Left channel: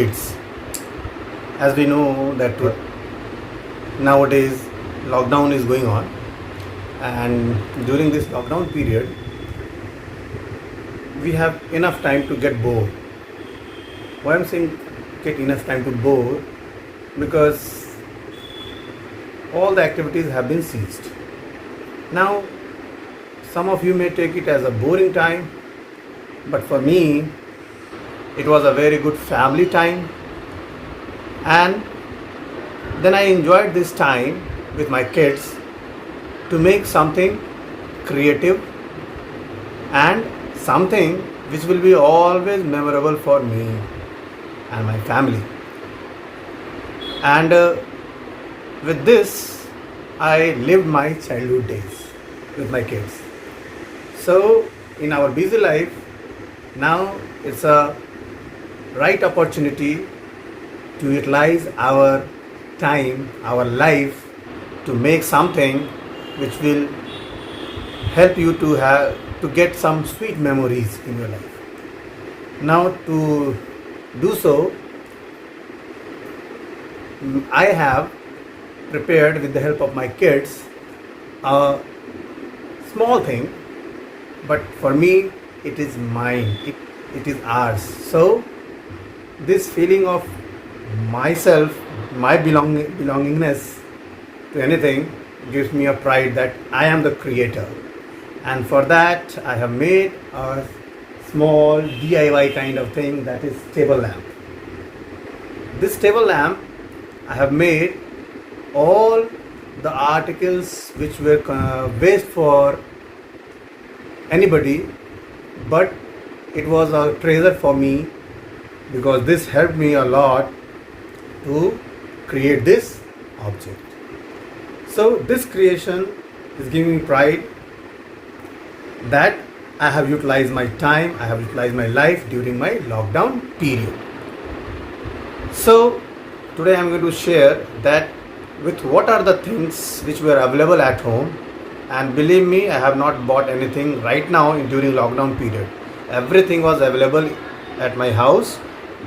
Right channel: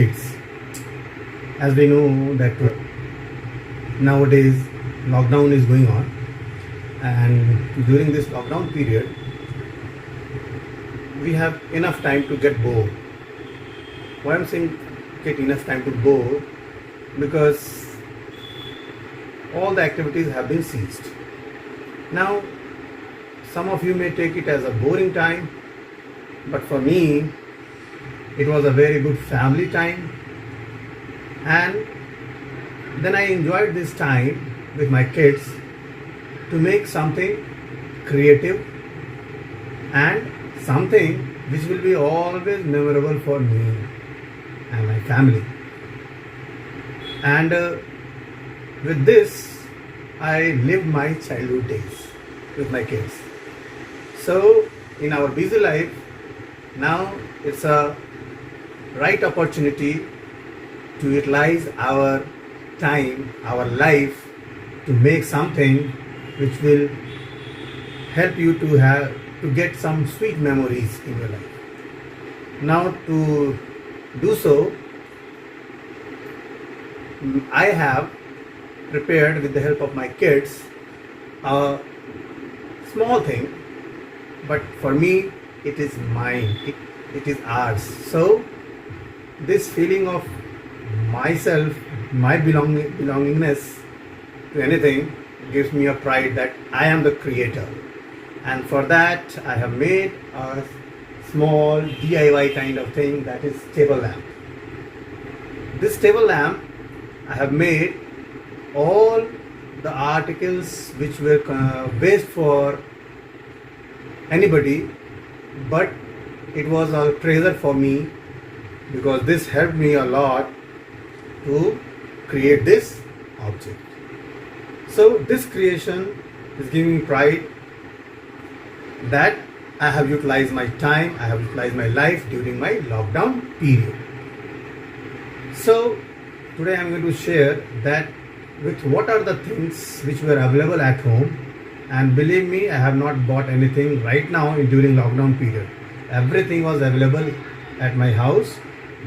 kids. As we know that nowadays lockdown is going on, and during this lockdown period we have enough time to get bored. Why I'm saying get enough time to bore? Because all the activities have been ceased. Now some of you may take it as a boring time, but for me it was a very good family time, and then I enjoyed this time with my kids to make something creative and something which will be always memorable for me and my family. And with this I lived my childhood days with my kids. So in our busy life now, it's a right opportunity to utilize our time, our life, to make something which will help you to get some sweet memories in your life. Now to do so, I have prepared with the help of my kids a small thing, but for me it is mine, it is ours. So this feeling of myself, my belongingness to anything gives me a pride that I am the creator. And for that I have made a small DIY kind of thing, that is table lamp. This table lamp I have made all the articles which were waste for anybody, but it was a treasure for me because this helped me a lot to create this object. So this creation is giving me pride that I have utilized my time, I have utilized my life during my lockdown period. So today I am going to share that with what are the things which were available at home. And believe me, I have not bought anything right now during lockdown period. Everything was available at my house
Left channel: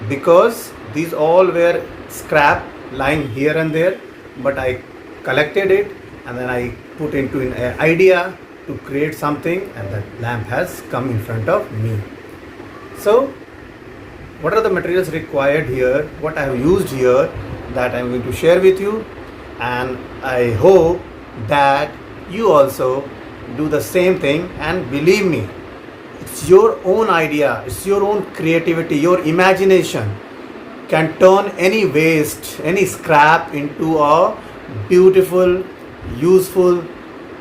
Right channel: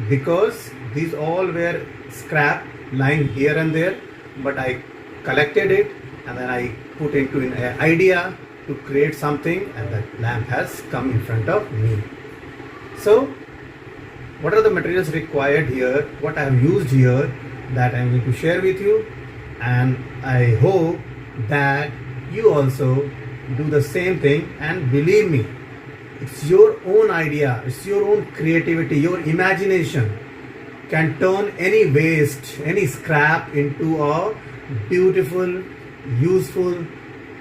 because these all were scrap lying here and there, but I collected it and then I put into an idea to create something, and that lamp has come in front of me. So what are the materials required here, what I have used here, that I am going to share with you, and I hope that you also do the same thing. And believe me, it's your own idea, it's your own creativity, your imagination can turn any waste, any scrap into a beautiful, useful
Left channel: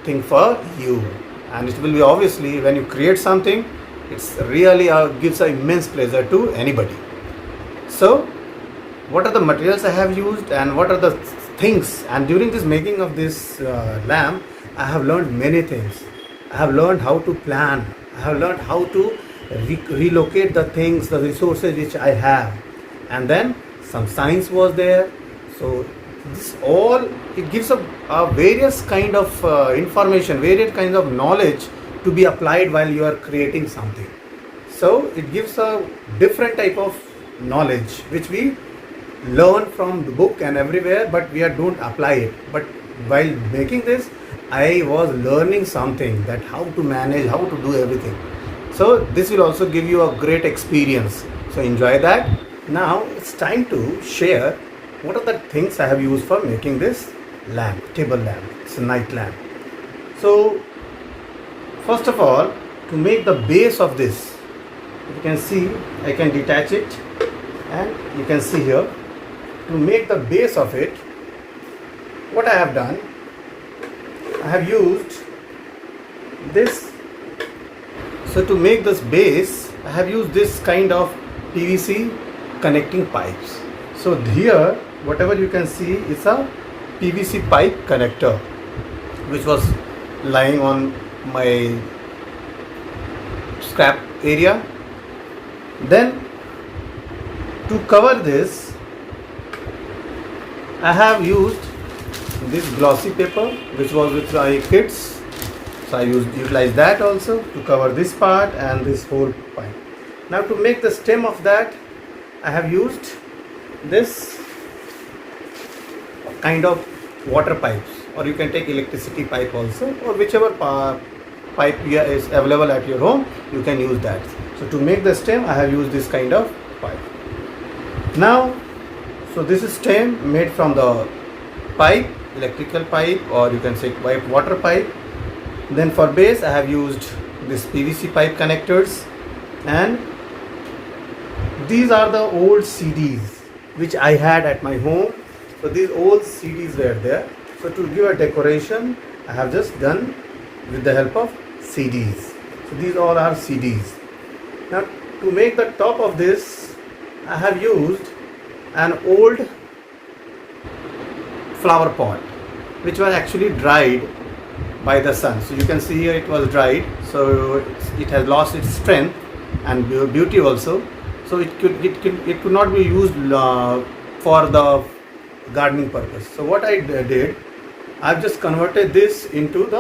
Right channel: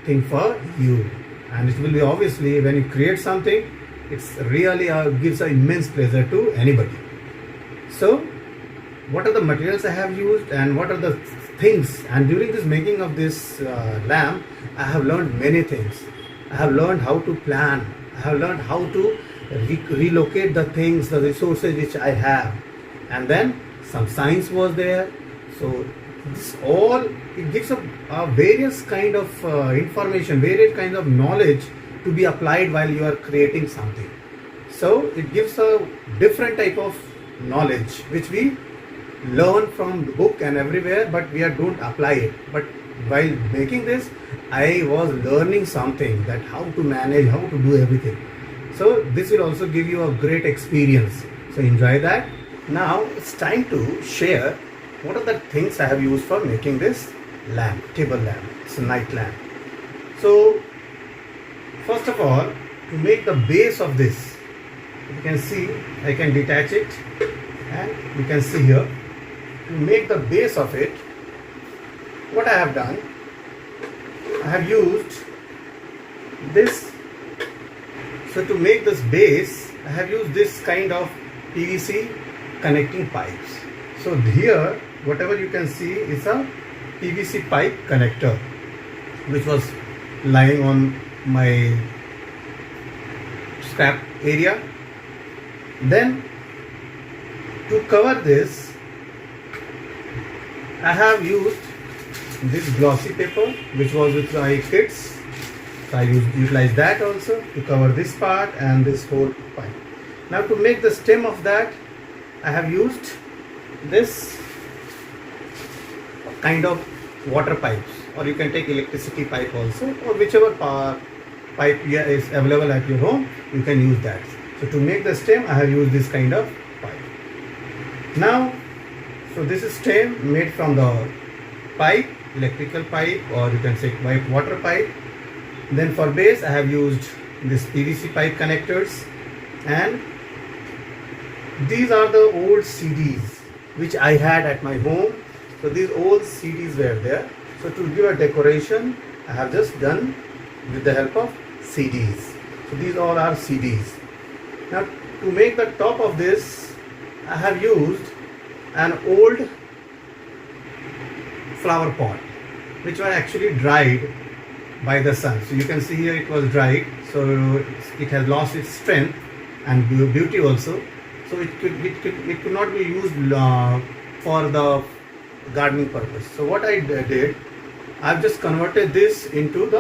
thing for you. And it will be, obviously, when you create something, it's really gives an immense pleasure to anybody. So what are the materials I have used and what are the things? And during this making of this lamp, I have learned many things. I have learned how to plan, I have learned how to relocate the things, the resources which I have, and then some science was there. So this all, it gives a various kind of information, various kind of knowledge to be applied while you are creating something. So it gives a different type of knowledge which we learn from the book and everywhere, but we don't apply it. But while making this, I was learning something, that how to manage, how to do everything. So this will also give you a great experience. So enjoy that. Now it's time to share what are the things I have used for making this lamp, table lamp. It's a night lamp. So first of all, to make the base of this, you can see I can detach it, and you can see here, to make the base of it, what I have done, I have used this. So to make this base, I have used this kind of PVC connecting pipes. So here, whatever you can see is a PVC pipe connector which was lying on my scrap area. Then to cover this, I have used this glossy paper which was with my kids. So I utilized that also to cover this part and this whole pipe. Now to make the stem of that, I have used this kind of water pipes, or you can take electricity pipe also, or whichever pipe is available at your home, you can use that. So to make the stem, I have used this kind of pipe. Now, so this is stem made from the pipe, electrical pipe, or you can say water pipe. Then for base, I have used this PVC pipe connectors, and these are the old CDs which I had at my home. So these old CDs were there. So to give a decoration, I have just done with the help of CDs. So these all are CDs. Now to make the top of this, I have used an old flower pot which was actually dried by the sun. So you can see here it was dried, so it has lost its strength and beauty also. So it could not be used for the gardening purpose. So what I did, I've just converted this into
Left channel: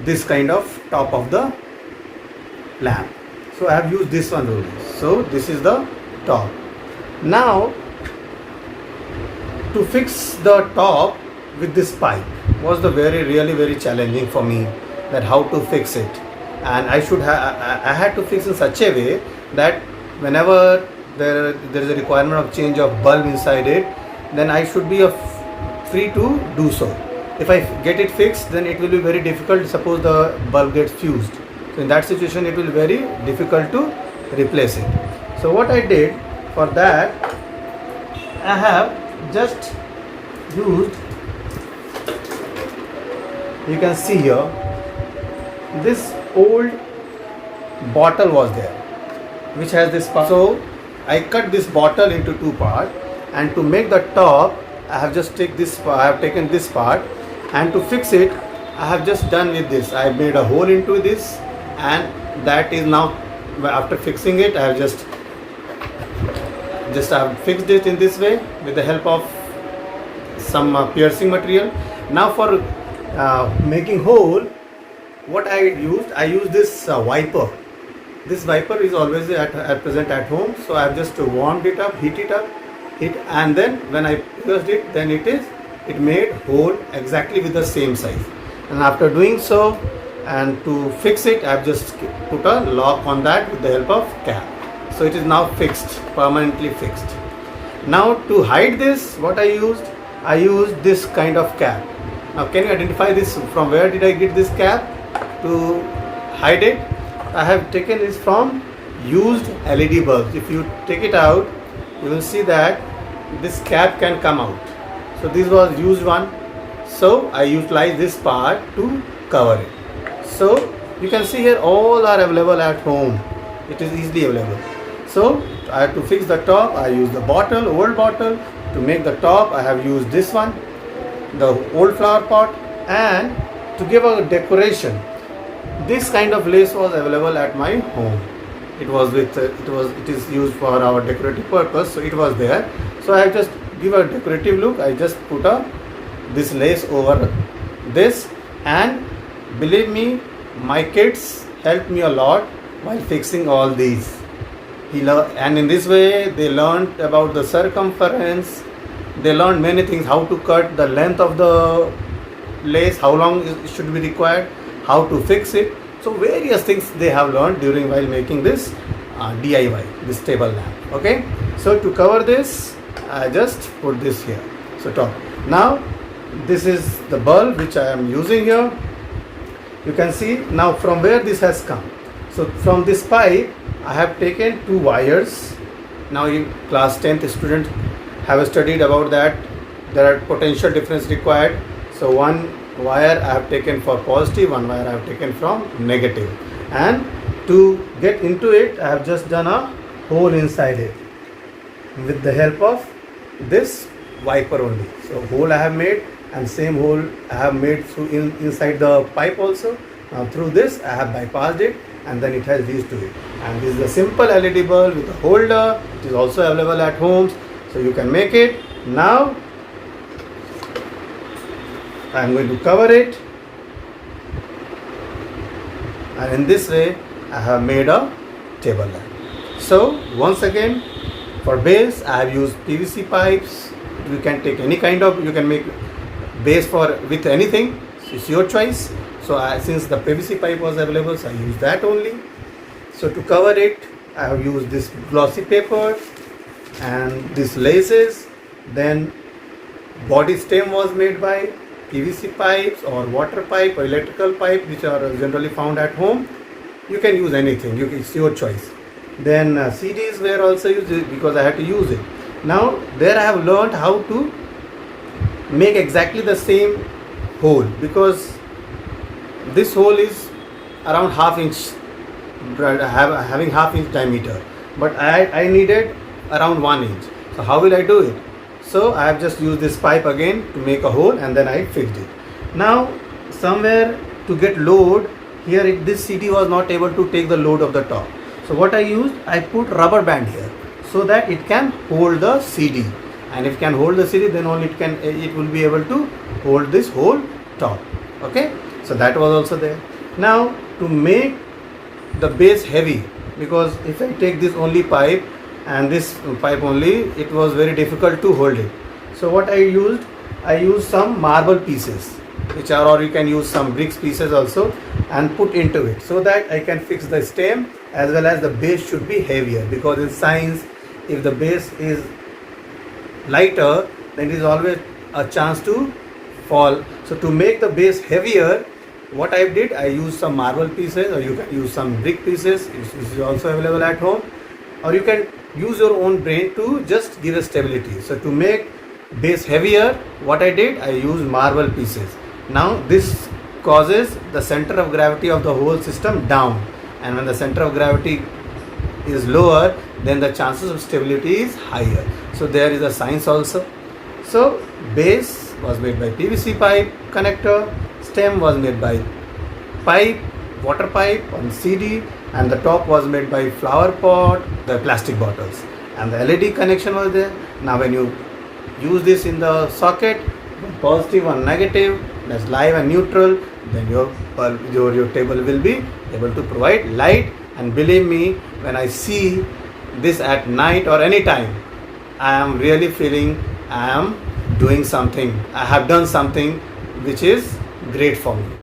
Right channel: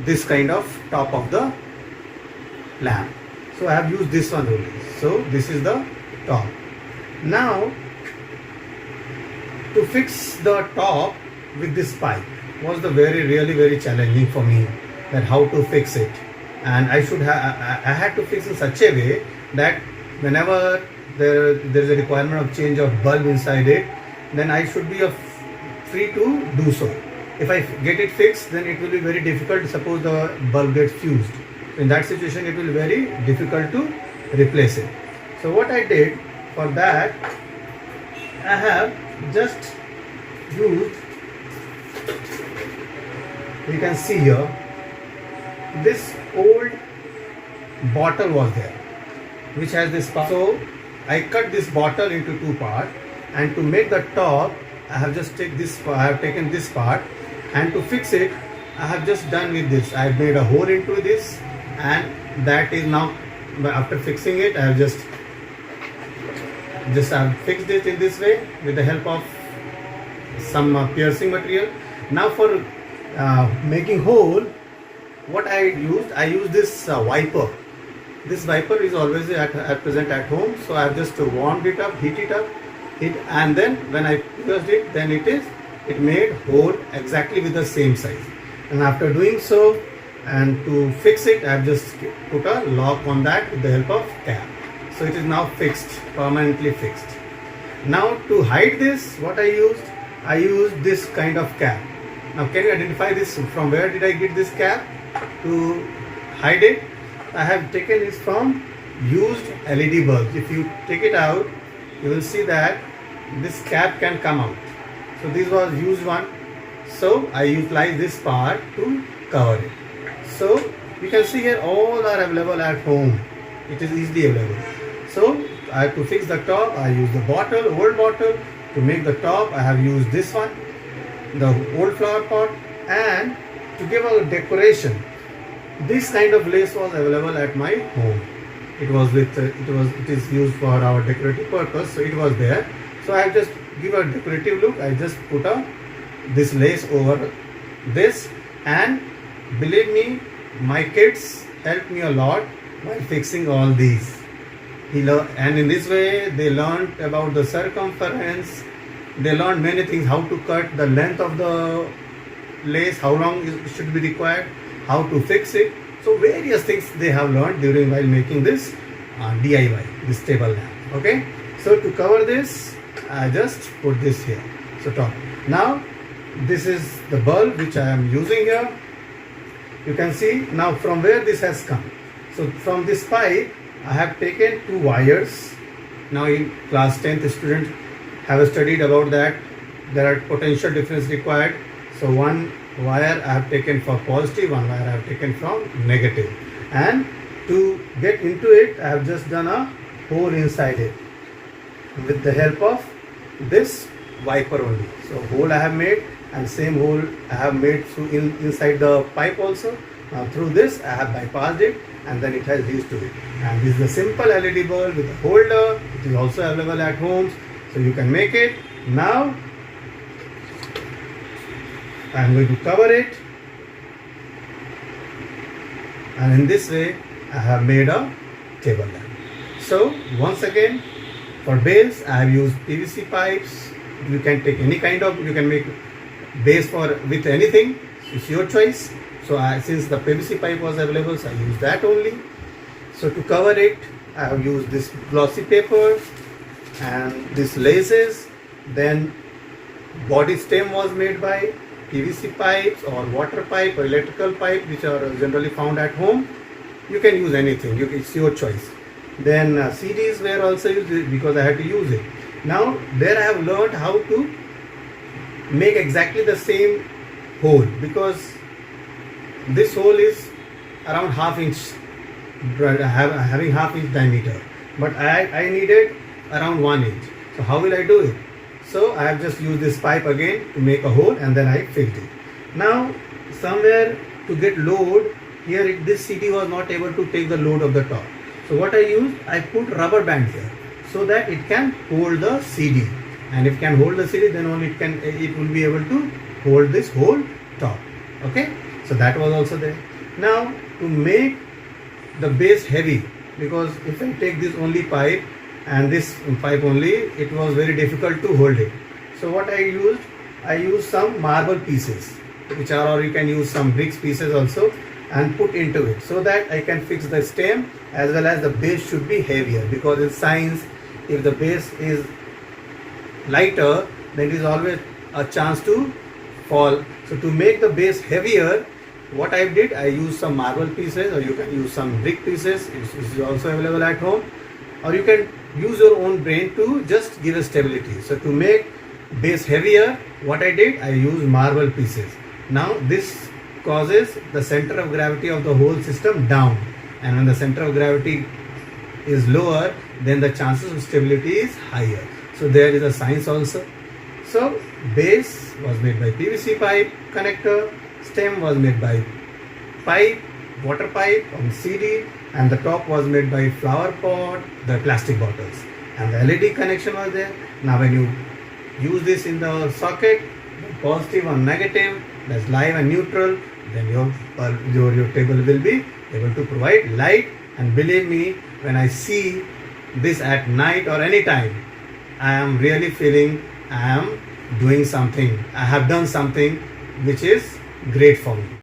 this kind of top of the lamp. So I have used this one only. So this is the top. Now to fix the top with this pipe was the really very challenging for me, that how to fix it. And I had to fix in such a way that whenever there is a requirement of change of bulb inside it, then I should be free to do so. If I get it fixed, then it will be very difficult. Suppose the bulb gets fused. So in that situation, it will be very difficult to replace it. So what I did for that, I have just used, you can see here, this old bottle was there which has this part. So I cut this bottle into two parts, and to make the top, I have just taken this part, and to fix it, I have just done with this. I have made a hole into this, and that is now, after fixing it, I have just fixed it in this way with the help of some piercing material. Now for making hole, what I used this wiper. This wiper is always at present at home, so I have just warmed it up, heat it up, and then when I pierced it, then it made hole exactly with the same size. And after doing so, and to fix it, I have just put a lock on that with the help of cap. So it is now fixed, permanently fixed. Now to hide this, what I used this kind of cap. Now can you identify this? From where did I get this cap to hide it? I have taken this from used LED bulbs. If you take it out, you will see that this cap can come out. So this was used one. So I utilized this part to cover it. So you can see here all are available at home. It is easily available. So I have to fix the top. I use the old bottle. To make the top, I have used this one, the old flower pot, and to give a decoration, this kind of lace was available at my home. It is used for our decorative purpose, so it was there. So I just give a decorative look. I just put this lace over this, and believe me, my kids helped me a lot while fixing all these. And in this way, they learned about the circumference. They learned many things: how to cut the length of the lace, how long it should be required, how to fix it. So various things they have learned while making this DIY, this table lamp. Okay. So to cover this, I just put this here. So top. Now this is the bulb which I am using here. You can see now from where this has come. So from this pipe, I have taken two wires. Now in class 10th students have studied about that. There are potential difference required. So one wire I have taken for positive, one wire I have taken from negative. And to get into it, I have just done a hole inside it with the help of this wiper only. So hole I have made, and same hole I have made through inside the pipe also. Now through this I have bypassed it, and then it has reached to it. And this is a simple LED bulb with a holder. It is also available at homes, so you can make it. Now I am going to cover it, and in this way I have made a table lamp. So once again, For base, I have used PVC pipes. You can take any kind of, you can make base for with anything. It's your choice. So since the PVC pipe was available, so I used that only. So to cover it, I have used this glossy paper and these laces. Then body stem was made by PVC pipes or water pipe or electrical pipe, which are generally found at home. You can use anything, it's your choice. Then CDs were also used because I had to use it. Now there I have learned how to make exactly the same hole, because this hole is around half inch, having half inch diameter, but I needed around 1 inch. So how will I do it? So I have just used this pipe again to make a hole, and then I fixed it. Now somewhere to get load here, this CD was not able to take the load of the top. So what I used, I put rubber band here so that it can hold the CD, and if it can hold the CD, then only it will be able to hold this whole top. Okay, so that was also there. Now to make the base heavy, because if I take this only pipe and this pipe only, it was very difficult to hold it. So what I used some marble pieces, or you can use some bricks pieces also, and put into it so that I can fix the stem, as well as the base should be heavier, because in science, if the base is lighter, then it is always a chance to fall. So to make the base heavier, what I did, I used some marble pieces, or you can use some brick pieces, which is also available at home, or you can use your own brain to just give a stability. So to make base heavier, what I did, I used marble pieces. Now this causes the center of gravity of the whole system down, and when the center of gravity is lower, then the chances of stability is higher. So there is a science also. So base was made by PVC pipe connector, stem was made by pipe, water pipe on CD, and the top was made by flower pot, the plastic bottles, and the LED connection was there. Now when you use this in the socket, positive or negative, that's live and neutral, then your table will be able to provide light. And believe me, when I see this at night or any time, I am really feeling I am doing something, I have done something which is great for me.